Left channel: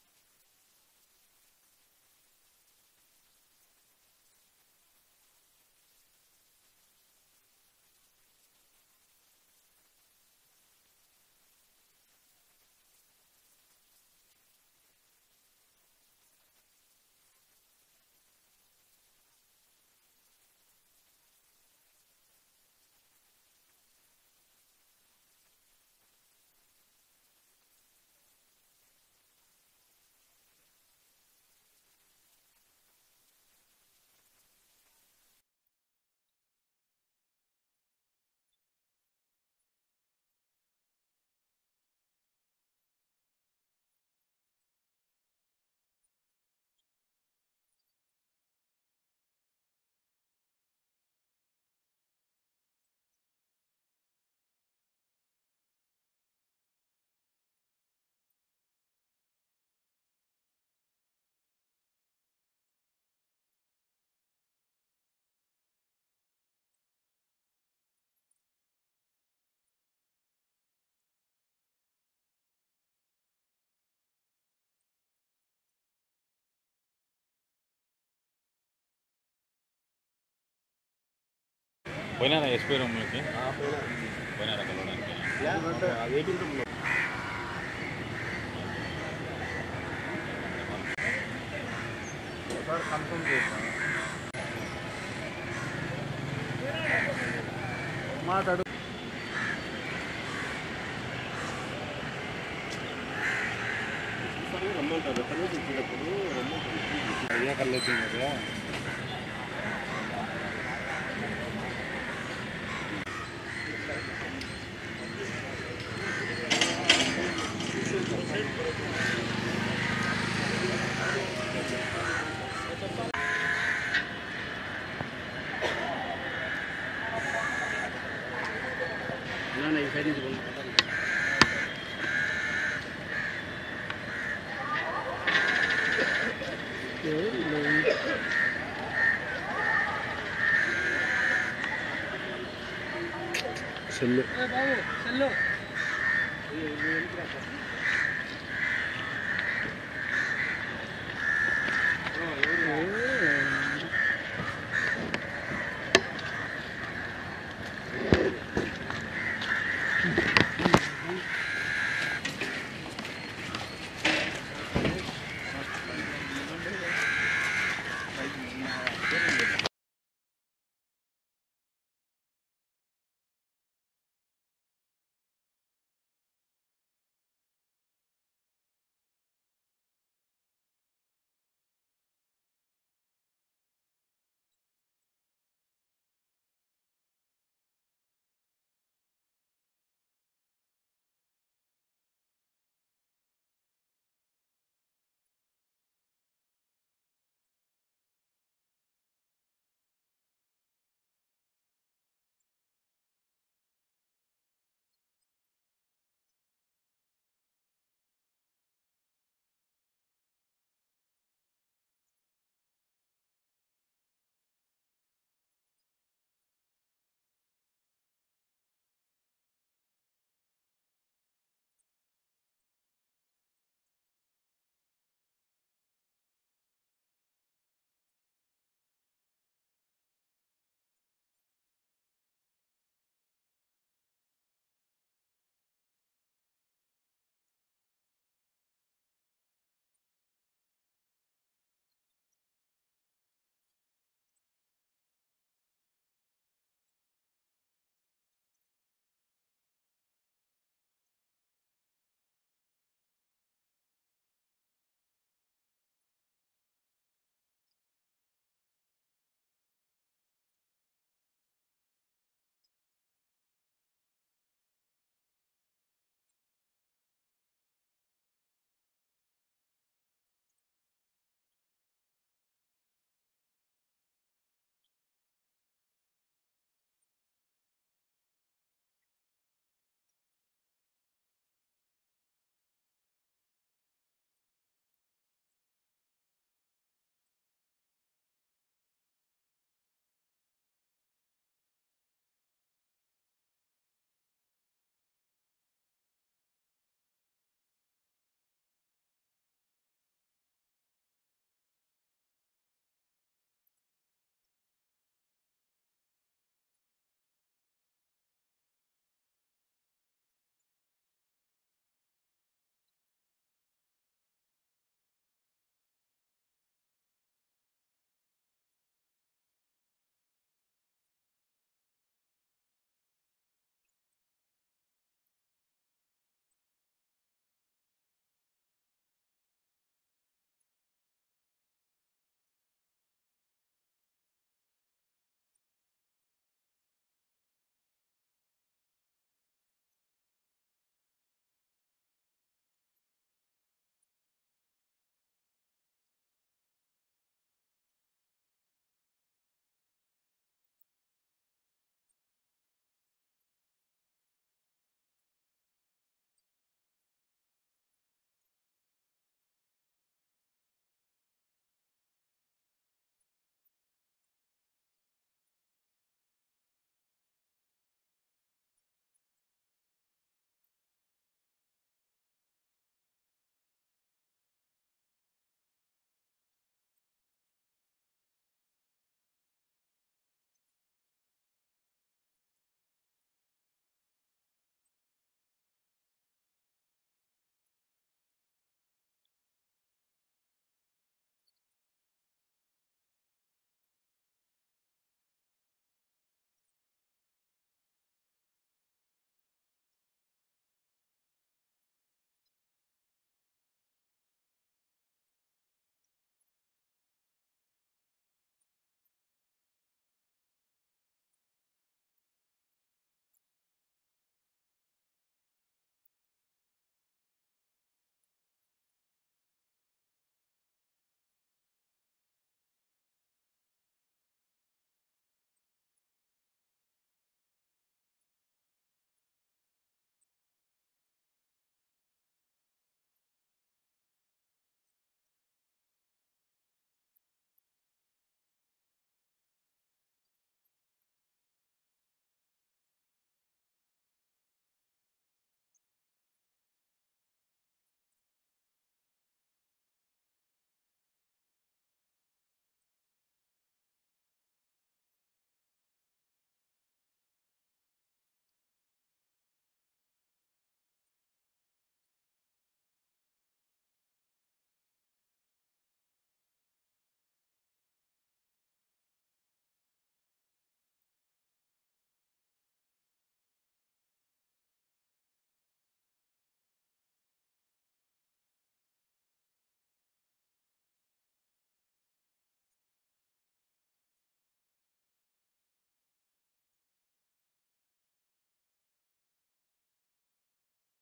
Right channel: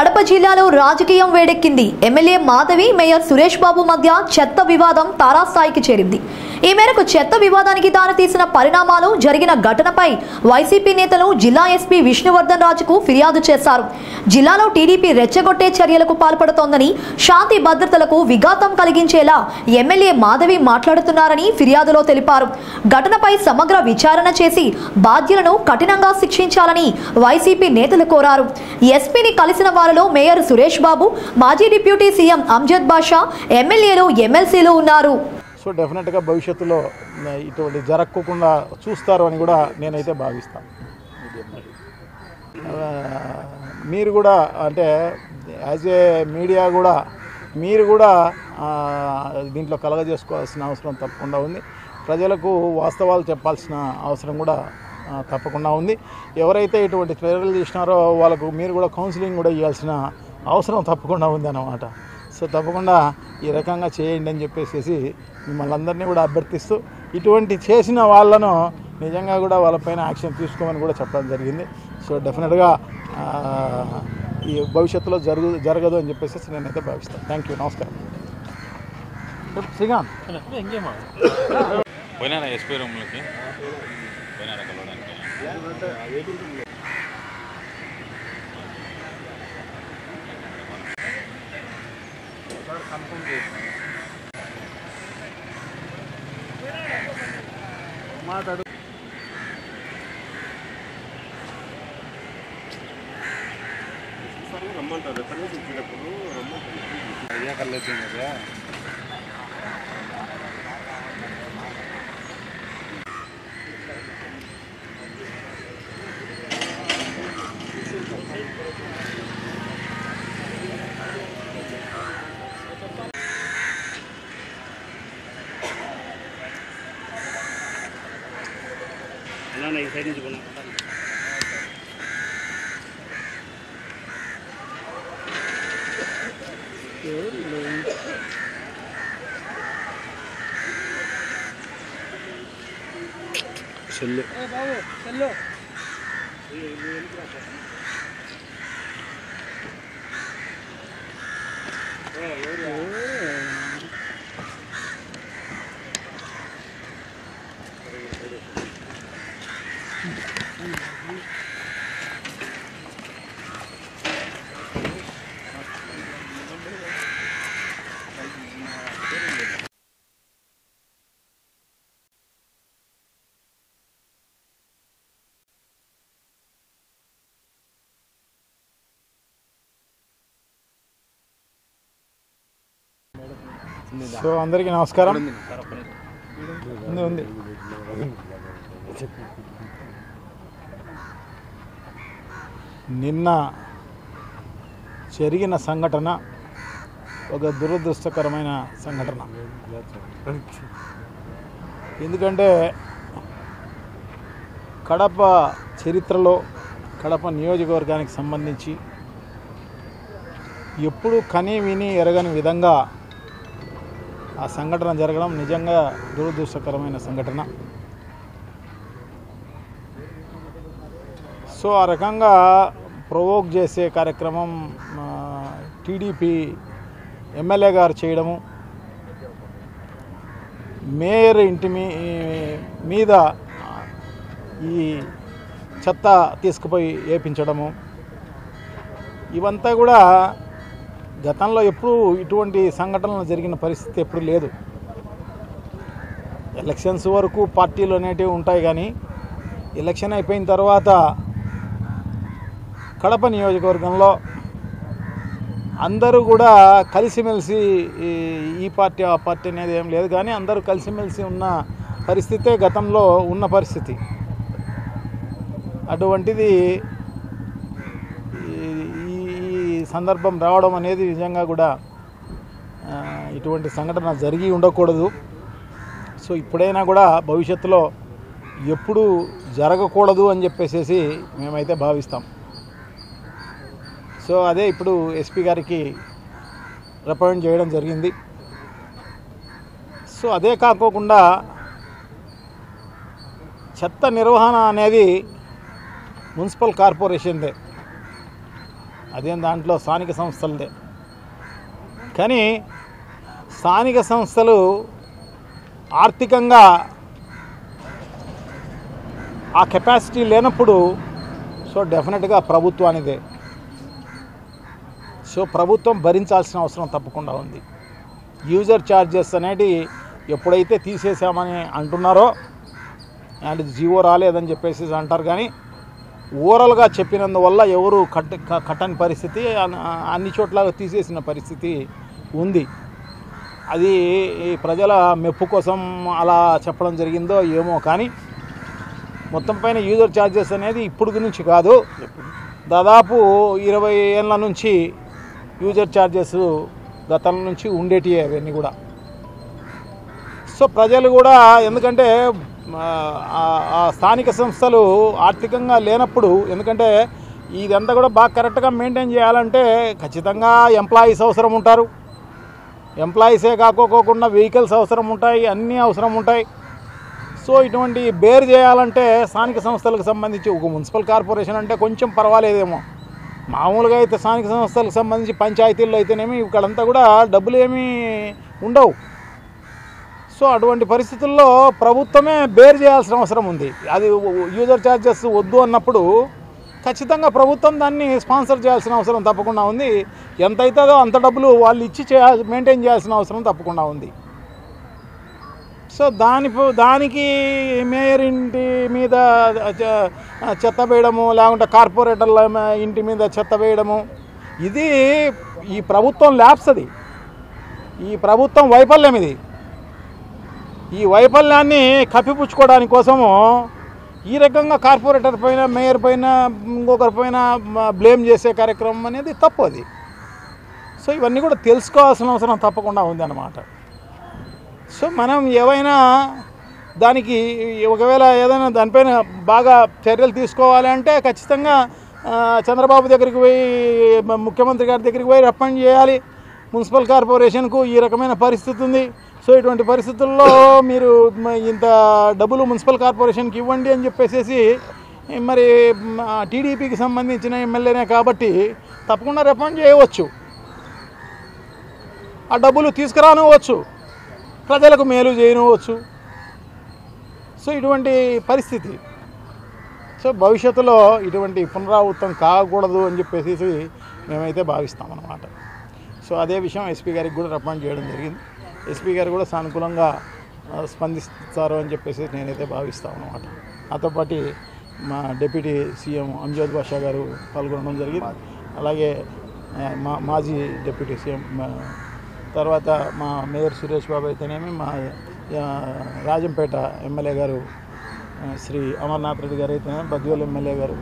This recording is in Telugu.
కడప జిల్లాలో రాజకీయం వేడెక్కింది. ఎమ్మెల్యే మాధవి, మేయర్ సురేష్ బాబు మధ్య చెత్త వివాదం తారాస్థాయికి చేరింది. ఈ మేరకు చెత్త వివాదానికి దారితీసిన పరిణామాలు జరిగిన ఘటనపై వైసీపీ నేతలు జిల్లా ఎస్పీ విష్ణువర్ధన్ రాజుకు ఫిర్యాదు చేశారు. జిల్లాలో టీడీపీ రెచ్చగొట్టే చర్యలకు పాల్పడుతోందని, శాంతి భద్రతలకు విఘాతం కలిగించేలా ఎమ్మెల్యే మాధవి మాట్లాడుతున్నారని ఫిర్యాదులో తెలిపారు. ఘటనపై సమగ్ర విచారణ చేసి బాధ్యులను కఠినంగా శిక్షించాలని వైసీపీ నేతలు కోరారు. ఎస్పీని కలిసిన వారిలో మేయర్ సురేష్ బాబు, మాజీ డిప్యూటీ సీఎం అంజద్ బాషా, ఎమ్మెల్యేలు, ఎమ్మెల్సీలు ఉన్నారు. సో డెఫినెట్గా భవిష్యత్తులో ఇటువంటి జరగకుండా చూస్తారు అని కూడా నేనైతే భావిస్తాను. మీరు కూడా అంటే యాజ్ ఏ మీడియా కూడా మీరు కూడా దీంట్లో కలగజేసుకోవాల్సిన అవసరం తప్పకుండా ఉంది. ప్రజలకు వాస్తవాలు చెప్పాల్సిన అవసరం కూడా తప్పకుండా ఉంది. ఎవరైతే ఇటువంటి చర్యలు చేసినారో వాళ్ళకు మీరు కూడా కౌన్సిలింగ్ కూడా ఇవ్వాల్సిన అవసరం తప్పకుండా ఉంది అన్నమాట. సో తప్పకుండా ఈ రకంగా చేయండి అని చెప్పేసి మిమ్మల్ని అందరినీ కూడా అభ్యర్థిస్తూ ఇటువంటి చేసిన వాళ్ళను నిజంగా కూడా వాళ్ళపైన యాక్షన్ తీసుకోమని కూడా చెప్పడం జరిగింది. సో డెఫినెట్గా ఈ భవిష్యత్తులో జరగదు అని చెప్పేసి నేనైతే భావిస్తాను. థ్యాంక్ యూ, నమస్కారం. శ్రీకాంత్ పోయినారా ఎస్పీ రూమ్లోకి పోయినారా కలవడానికి? కన్ఫర్మ్ చేసిన మాట్లాడు. రమ్మంటారు సర్వీస్ ఇచ్చినప్పుడు అయ్యా కల్లేసింది కదా. ఈ సైడ్ నుంచి సెల్లు సో అందరికీ నమస్కారం. ఉంది నిన్న జరిగిన సంఘటన ఒక దురదృష్టకరమైన సంఘటన. ఎందుకంటే కడప చరిత్రలో కడప నియోజకవర్గానికి సంబంధించి ఎప్పుడు కని విని ఎరగని విధంగా ఆ సంఘటన జరగడం నిజంగా దురదృష్టకరమైన సంఘటన. సో ఆ రకంగా ప్రొవోక్ చేసే కార్యక్రమం టీడీపీ ఎమ్మెల్యే గారు చేయడము, మేయర్ ఇంటి మీద ఈ చెత్త తీసుకుపోయి వేపించడము, ఇవంతా కూడా గతంలో ఎప్పుడూ ఇటువంటి సంఘటనలు జరిగిన పరిస్థితి ఎప్పుడు లేదు. ఎలక్షన్స్ వరకు పార్టీలు అనేటివి ఉంటాయి, కానీ ఎలక్షన్ అయిపోయిన తర్వాత కడప నియోజకవర్గంలో అందరూ కూడా కలిసిమెలిసి ఈ పార్టీ ఆ పార్టీ అనేది ఏం లేదు, కానీ అందరూ కలిసిమెలిసి ఉన్న పరిస్థితే గతంలో ఉన్న పరిస్థితి. అటువంటిది సందర్భం రావడం అనేది నిజంగా కూడా ఇటువంటి సంఘటన జరిగి ఉండకూడదు. సో ఇప్పుడైనా కూడా భవిష్యత్తులో ఎప్పుడు జరగకూడదు అని చెప్పేసి మేమైతే భావిస్తాం. సో అదే ఇప్పుడు ఎస్పీ గారికి రిప్రజెంట్ చేయడం జరిగింది. సో అదే కాకోకుండా చెత్త నిర్వహణ అనేది మున్సిపల్ కార్పొరేషన్దే. అదేం దాంట్లో స్థానిక సంస్థలదే. కానీ స్థానిక సంస్థలు ఆర్థికంగా ఆ కెపాసిటీ లేనప్పుడు సో డెఫినెట్గా ప్రభుత్వానిదే. సో ప్రభుత్వం భరించాల్సిన అవసరం తప్పకుండా ఉంది. యూజర్ ఛార్జెస్ అనేటి ఎప్పుడైతే తీసేసామని అంటున్నారో, అండ్ జీవో రాలేదని చెప్పేసి అంటారు, కానీ ఓవరాల్గా చెప్పినందువల్ల ఎవరు కట్టని పరిస్థితి, అన్ని చోట్ల తీసేసిన పరిస్థితి ఉంది. అది ఈ ప్రజల మెప్పు కోసం అలా చెప్పడం జరిగిందో ఏమో, కానీ మొత్తం పైన యూజర్ ఛార్జెస్ అనేది ఇప్పుడు నుంచి కాదు, దాదాపు 20 ఏళ్ళ నుంచి యూజర్ ఛార్జెస్ గతం నుంచి ఉండేటివి అవన్నీ కూడా. సో ప్రజలు కూడా, ఎందుకంటే ఆ స్థానిక సంస్థలు ఆర్థికంగా లేనప్పుడు, ఎందుకంటే ఇదంతా కూడా బాగా కరెక్ట్గా మెయింటైన్ చేయాలంటే ఖచ్చితంగా ఎంప్లాయీస్ అవసరం ఉంటారు. ఎంప్లాయీసే కాకోకుండా వెహికల్స్ అవసరం ఉంటాయి, అన్నీ అవసరం ఉంటాయి. సో ఇటువంటి బేర్ చేయాలంటే స్థానిక సంస్థలకు సంబంధించి ఒక మున్సిపల్ కార్పొరేషన్ అంటే కొంచెం పర్వాలేదేమో, మామూలుగా అయితే స్థానిక సంస్థలకు సంబంధించి పంచాయతీల్లో అయితేనేమి ఇక్కడంతా కూడా డబ్బులు ఏమీ ఉండవు. సో అటువంటి పరిస్థితుల్లో ప్రభుత్వమే బేర్ చేయాల్సిన అవసరం ఉంది. అది యూజర్ ఛార్జెస్ వద్దు అన్నప్పుడు ఖచ్చితంగా ప్రభుత్వం దాన్ని స్పాన్సర్ చేయాల్సిన అవసరం తప్పకుండా ఉంది. ఎంత అవుతుందో అంత డబ్బులు వాళ్ళు ఇచ్చి మెయింటైన్ చేయాల్సిన అవసరం తప్పకుండా ఉంది. సో దానికి మేయర్ ఇంటి మీద చెత్త వేయడము, లేకుంటే కార్పొరేటర్ల ఇంటి మీద చెత్త వేయడము, ఇది ఈ ప్రభుత్వం ల్యాబ్స్, అది ఈ ప్రభుత్వం వైఫల్యం. ఇది ఈ వైఫల్యాన్ని కప్పిపుచ్చుకోవడానికి కోసము ఈ రకంగా కార్పొరేటర్ పైన, మేయర్ పైన, ఇంకొకరి పైన బ్లేమ్ చేసే కార్యక్రమం అనేది తప్పు. అది సో ఇవన్నీ కూడా తెలుసుకోవాల్సిన అవసరం తప్పకుండా ఉంది అన్నమాట. సో మనం ఏవైనా దానికి ఒకవేళ ఏదైనా దానిపైన బాగా చర్యలు తీసుకోవాలి అంటే ఖచ్చితంగా చంద్రబాబు దగ్గరికి పోయి, ముఖ్యమంత్రి గారి దగ్గరికి పోయి రికమెండ్ చేయాలి. మున్సిపల్ కార్పొరేషన్కు ఈ రకమైన పరిస్థితి ఉంది, సో ఇటువంటి పరిస్థితుల్లో మీరు ఇంత డబ్బులు మున్సిపల్ కార్పొరేషన్కి ఇవ్వండి అని చెప్పేసి, మరి టీడీపీకి సంబంధించిన ఎమ్మెల్యేనే కాబట్టి తప్పకుండా రికమెండ్ చేయవచ్చు, ఆ డబ్బులు తీసుకురానివ్వచ్చు, ప్రజలకు మేలు చేయనివ్వచ్చు. సో ఇటువంటి పరిస్థితి. సో భవిష్యత్తులో ఇటువంటి పునరావృతం కాకూడదు అని చెప్పేసి మేమైతే భావిస్తామన్నమాట. సో అదే విషయం ఎస్పీ గారికి కూడా రికమెండ్ చేయడం జరిగింది. ఎస్పీ గారు కూడా సానుకూలంగా స్పందిస్తారు అని చెప్పేసి నేనైతే భావిస్తాను అన్నమాట. నాతో పాటు మా డిప్యూటీ సీఎం అంజద్ బాషా గారు పాల్గొనడం జరిగింది. అలాగే మాజీ డిప్యూటీ సీఎం, తర్వాత మా మేయర్ సురేష్ బాబు అయితేనేమి, మా రాజంపేట ఎమ్మెల్యే గారు శ్రీ అమర్నాథ్ రెడ్డి గారు అయితేనేమి, బద్వేల్ ఎమ్మెల్యే గారు,